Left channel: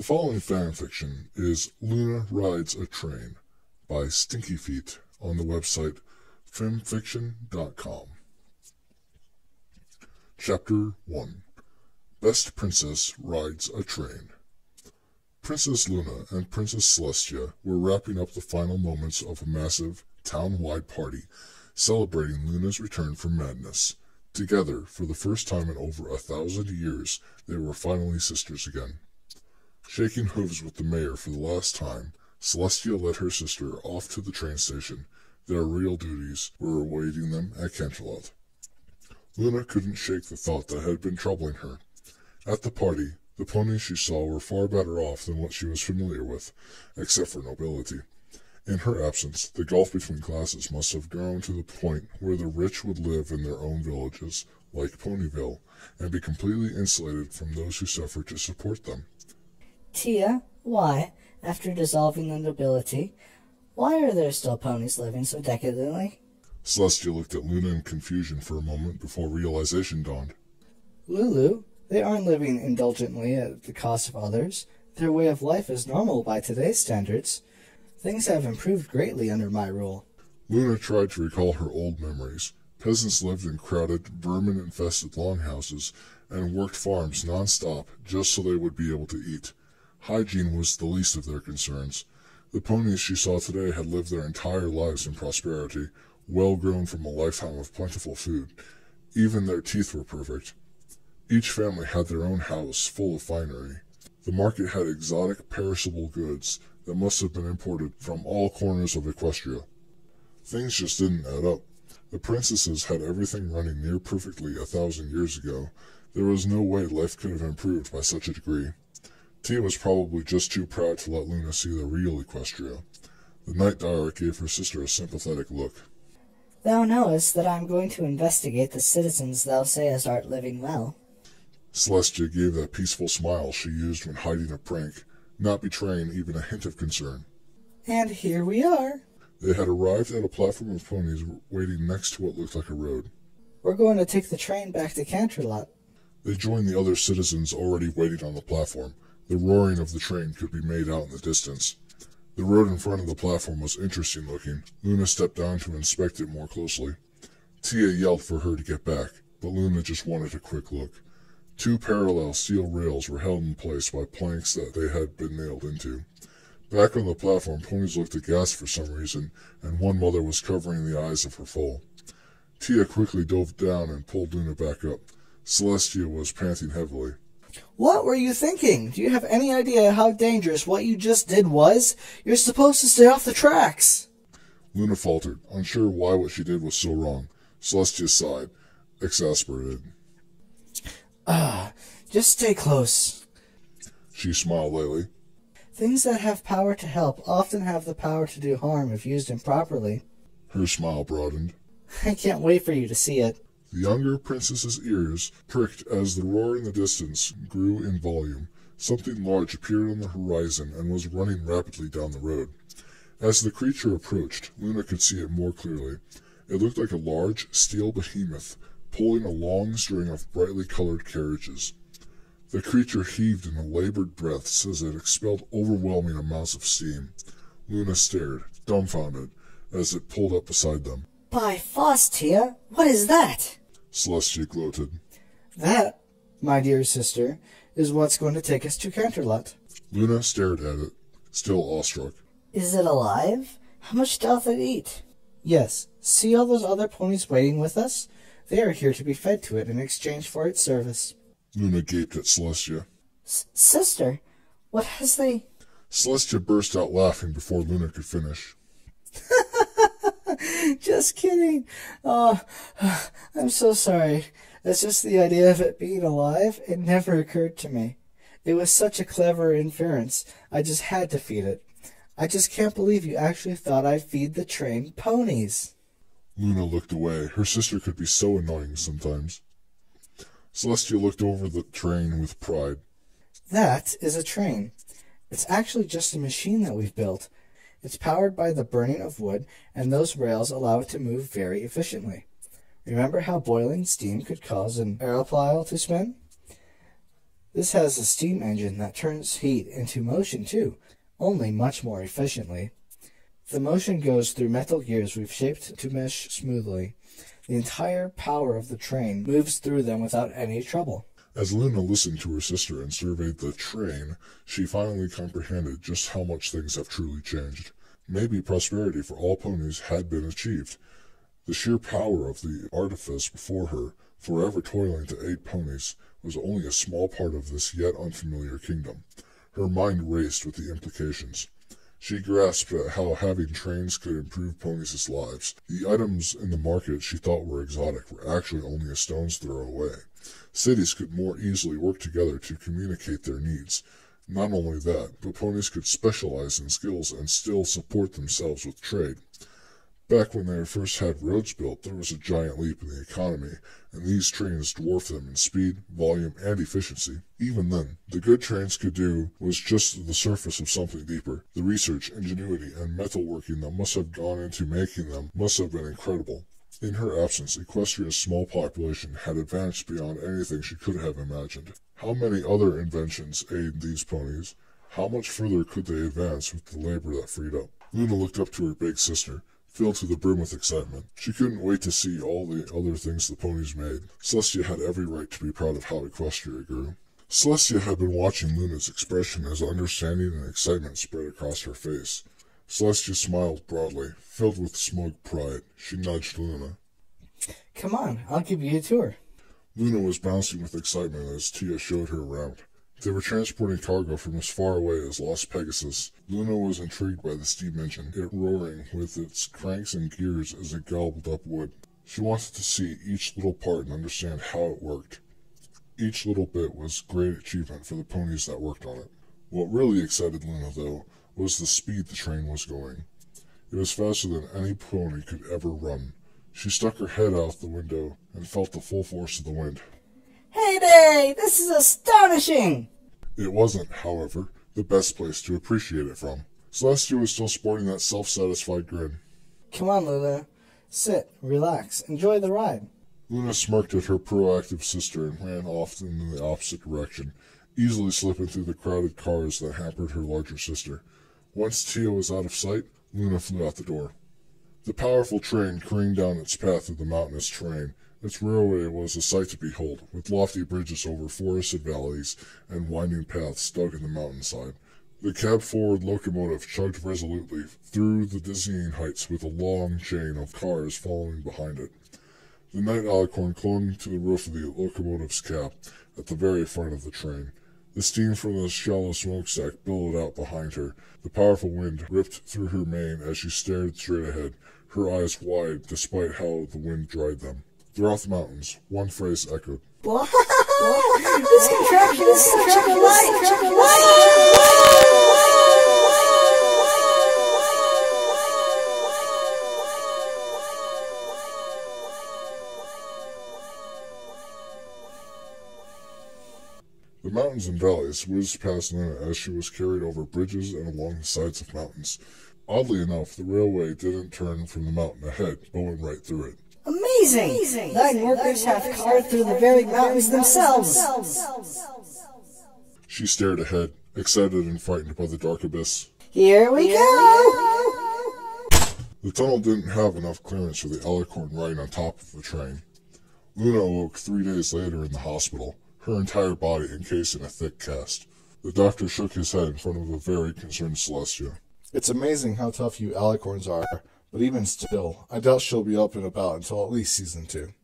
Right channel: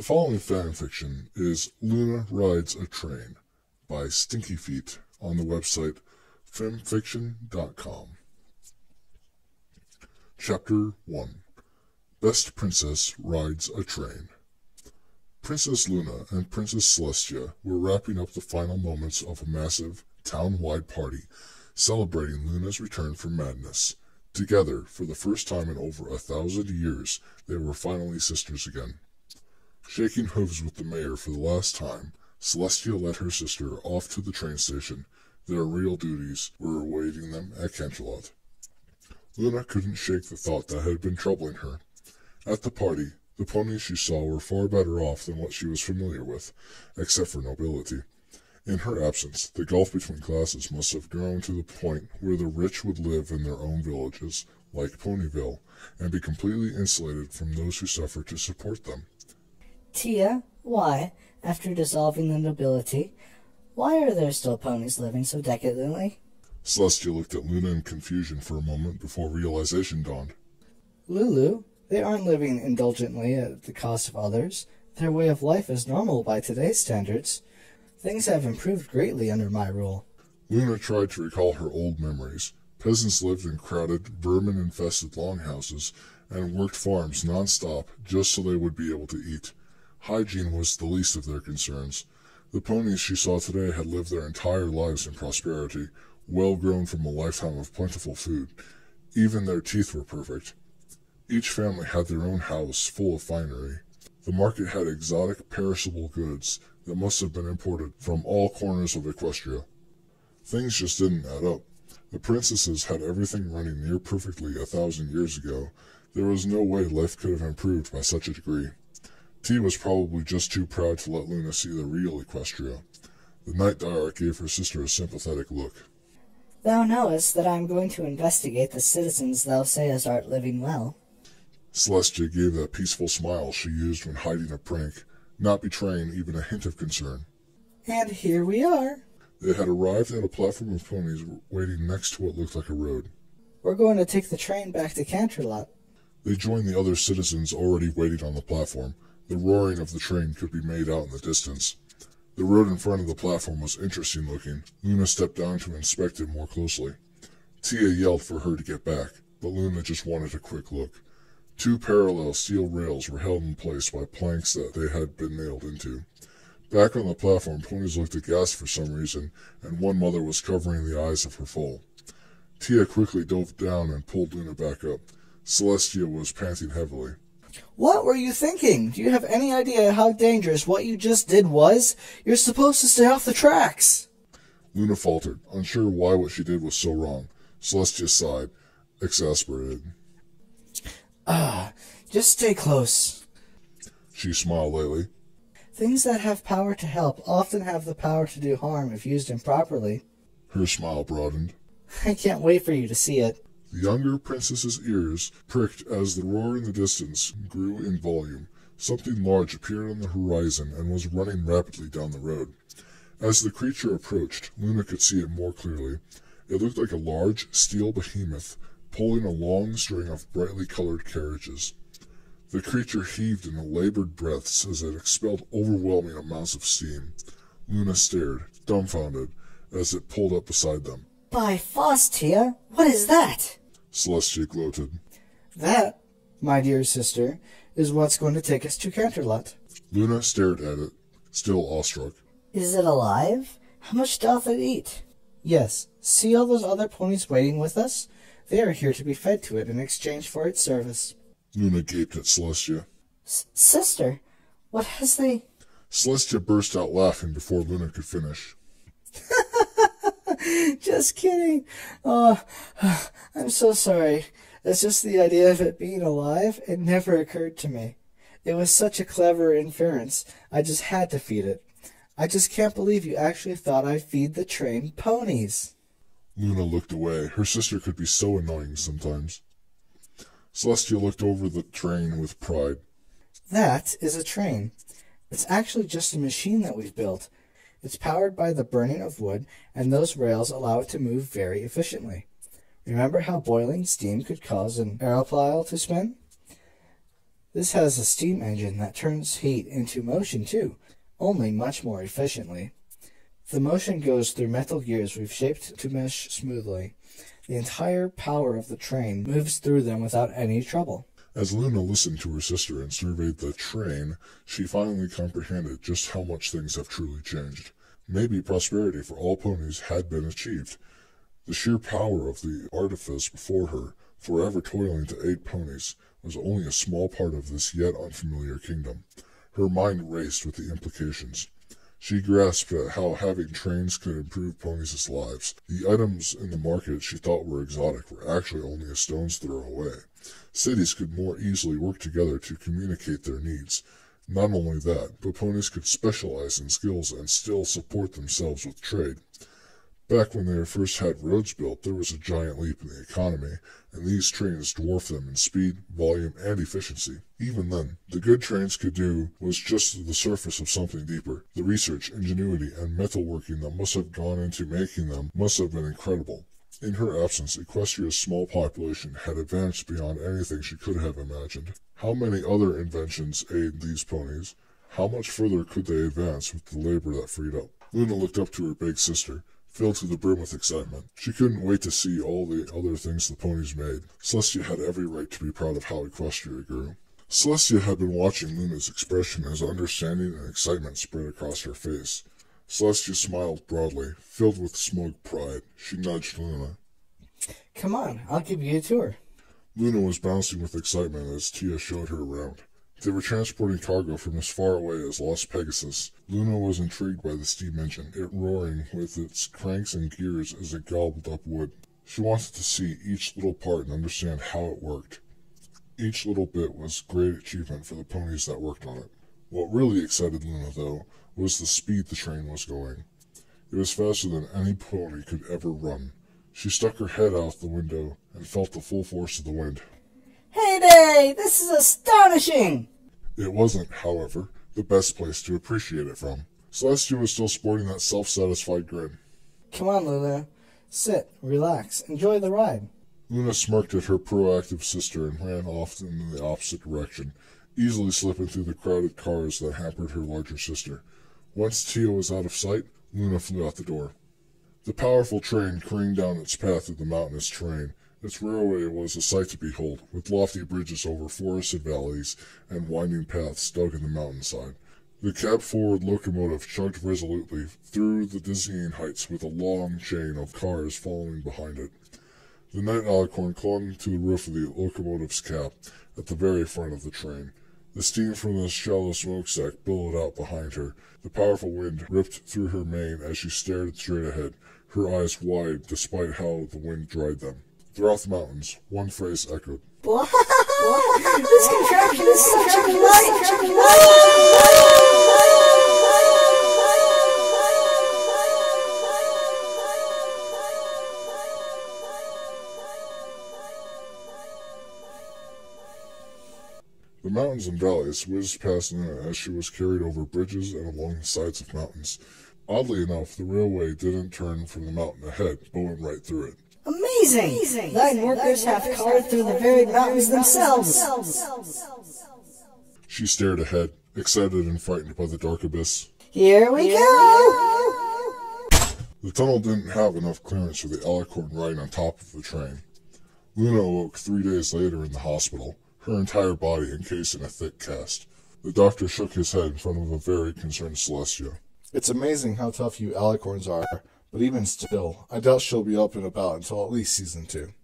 The following fan fiction is Luna Rides a Train by stinkyFeet on the website femfiction.com. Chapter 1. Best Princess Rides a Train. Princess Luna and Princess Celestia were wrapping up the final moments of a massive, town-wide party celebrating Luna's return from madness. Together, for the first time in over 1,000 years, they were finally sisters again. Shaking hooves with the mayor for the last time, Celestia led her sister off to the train station. Their real duties were awaiting them at Canterlot. Luna couldn't shake the thought that had been troubling her. At the party, the ponies she saw were far better off than what she was familiar with, except for nobility. In her absence, the gulf between classes must have grown to the point where the rich would live in their own villages, like Ponyville, and be completely insulated from those who suffered to support them. Tia, why, after dissolving the nobility, why are there still ponies living so decadently? Celestia looked at Luna in confusion for a moment before realization dawned. Lulu, they aren't living indulgently at the cost of others. Their way of life is normal by today's standards. Things have improved greatly under my rule. Luna tried to recall her old memories. Peasants lived in crowded, vermin-infested longhouses and worked farms non-stop just so they would be able to eat. Hygiene was the least of their concerns. The ponies she saw today had lived their entire lives in prosperity, well grown from a lifetime of plentiful food. Even their teeth were perfect. Each family had their own house full of finery. The market had exotic, perishable goods that must have been imported from all corners of Equestria. Things just didn't add up. The princesses had everything running near perfectly 1,000 years ago. There was no way life could have improved by such a degree. Tia was probably just too proud to let Luna see the real Equestria. The Night Diarch gave her sister a sympathetic look. Thou knowest that I am going to investigate the citizens thou sayest art living well. Celestia gave that peaceful smile she used when hiding a prank, not betraying even a hint of concern. And here we are. They had arrived at a platform of ponies waiting next to what looked like a road. We're going to take the train back to Canterlot. They joined the other citizens already waiting on the platform. The roaring of the train could be made out in the distance. The road in front of the platform was interesting looking. Luna stepped down to inspect it more closely. Tia yelled for her to get back, but Luna just wanted a quick look. 2 parallel steel rails were held in place by planks that they had been nailed into. Back on the platform, ponies looked aghast for some reason, and one mother was covering the eyes of her foal. Tia quickly dove down and pulled Luna back up. Celestia was panting heavily. What were you thinking? Do you have any idea how dangerous what you just did was? You're supposed to stay off the tracks. Luna faltered, unsure why what she did was so wrong. Celestia sighed, exasperated. Just stay close. She smiled lightly. Things that have power to help often have the power to do harm if used improperly. Her smile broadened. I can't wait for you to see it. The younger princess's ears pricked as the roar in the distance grew in volume. Something large appeared on the horizon and was running rapidly down the road. As the creature approached, Luna could see it more clearly. It looked like a large steel behemoth pulling a long string of brightly colored carriages. The creature heaved in labored breaths as it expelled overwhelming amounts of steam. Luna stared, dumbfounded, as it pulled up beside them. By Tia, what is that? Celestia gloated. That, my dear sister, is what's going to take us to Canterlot. Luna stared at it, still awestruck. Is it alive? How much doth it eat? Yes. See all those other ponies waiting with us? They are here to be fed to it in exchange for its service. Luna gaped at Celestia. Sister, what has they... Celestia burst out laughing before Luna could finish. Just kidding. Oh, I'm so sorry. It's just the idea of it being alive. It never occurred to me. It was such a clever inference. I just had to feed it. I just can't believe you actually thought I'd feed the trained ponies. Luna looked away. Her sister could be so annoying sometimes. Celestia looked over the train with pride. That is a train. It's actually just a machine that we've built. It's powered by the burning of wood, and those rails allow it to move very efficiently. Remember how boiling steam could cause an aeroplane to spin? This has a steam engine that turns heat into motion too, only much more efficiently. The motion goes through metal gears we've shaped to mesh smoothly. The entire power of the train moves through them without any trouble. As Luna listened to her sister and surveyed the train, she finally comprehended just how much things have truly changed. Maybe prosperity for all ponies had been achieved. The sheer power of the artifice before her, forever toiling to aid ponies, was only a small part of this yet unfamiliar kingdom. Her mind raced with the implications. She grasped at how having trains could improve ponies' lives. The items in the market she thought were exotic were actually only a stone's throw away. Cities could more easily work together to communicate their needs. Not only that, but ponies could specialize in skills and still support themselves with trade. Back when they first had roads built, there was a giant leap in the economy, and these trains dwarfed them in speed, volume, and efficiency. Even then, the good trains could do was just the surface of something deeper. The research, ingenuity, and metalworking that must have gone into making them must have been incredible. In her absence, Equestria's small population had advanced beyond anything she could have imagined. How many other inventions aid these ponies? How much further could they advance with the labor that freed up? Luna looked up to her big sister, filled to the brim with excitement. She couldn't wait to see all the other things the ponies made. Celestia had every right to be proud of how Equestria grew. Celestia had been watching Luna's expression as understanding and excitement spread across her face. Celestia smiled broadly, filled with smug pride. She nudged Luna. Come on, I'll give you a tour. Luna was bouncing with excitement as Tia showed her around. They were transporting cargo from as far away as Las Pegasus. Luna was intrigued by the steam engine, it roaring with its cranks and gears as it gobbled up wood. She wanted to see each little part and understand how it worked. Each little bit was great achievement for the ponies that worked on it. What really excited Luna, though, was the speed the train was going. It was faster than any pony could ever run. She stuck her head out the window and felt the full force of the wind. Heyday! This is astonishing! It wasn't, however, the best place to appreciate it from. Celestia was still sporting that self-satisfied grin. Come on, Luna. Sit, relax, enjoy the ride. Luna smirked at her proactive sister and ran off in the opposite direction, easily slipping through the crowded cars that hampered her larger sister. Once Tia was out of sight, Luna flew out the door. The powerful train careened down its path through the mountainous terrain. Its railway was a sight to behold, with lofty bridges over forested valleys and winding paths dug in the mountainside. The cab-forward locomotive chugged resolutely through the dizzying heights with a long chain of cars following behind it. The night alicorn clung to the roof of the locomotive's cab at the very front of the train. The steam from the shallow smokestack billowed out behind her. The powerful wind ripped through her mane as she stared straight ahead, her eyes wide despite how the wind dried them. Throughout the mountains, one phrase echoed. What? This contraption is such a delight! The mountains and valleys whizzed past Luna as she was carried over bridges and along the sides of mountains. Oddly enough, the railway didn't turn from the mountain ahead, but went right through it. Amazing! 9 workers have crawled through the very mountains themselves. She stared ahead, excited and frightened by the dark abyss. Here we go! The tunnel didn't have enough clearance for the alicorn riding on top of the train. Luna awoke 3 days later in the hospital, her entire body encased in a thick cast. The doctor shook his head in front of a very concerned Celestia. It's amazing how tough you alicorns are, but even still, I doubt she'll be up and about until at least season 2.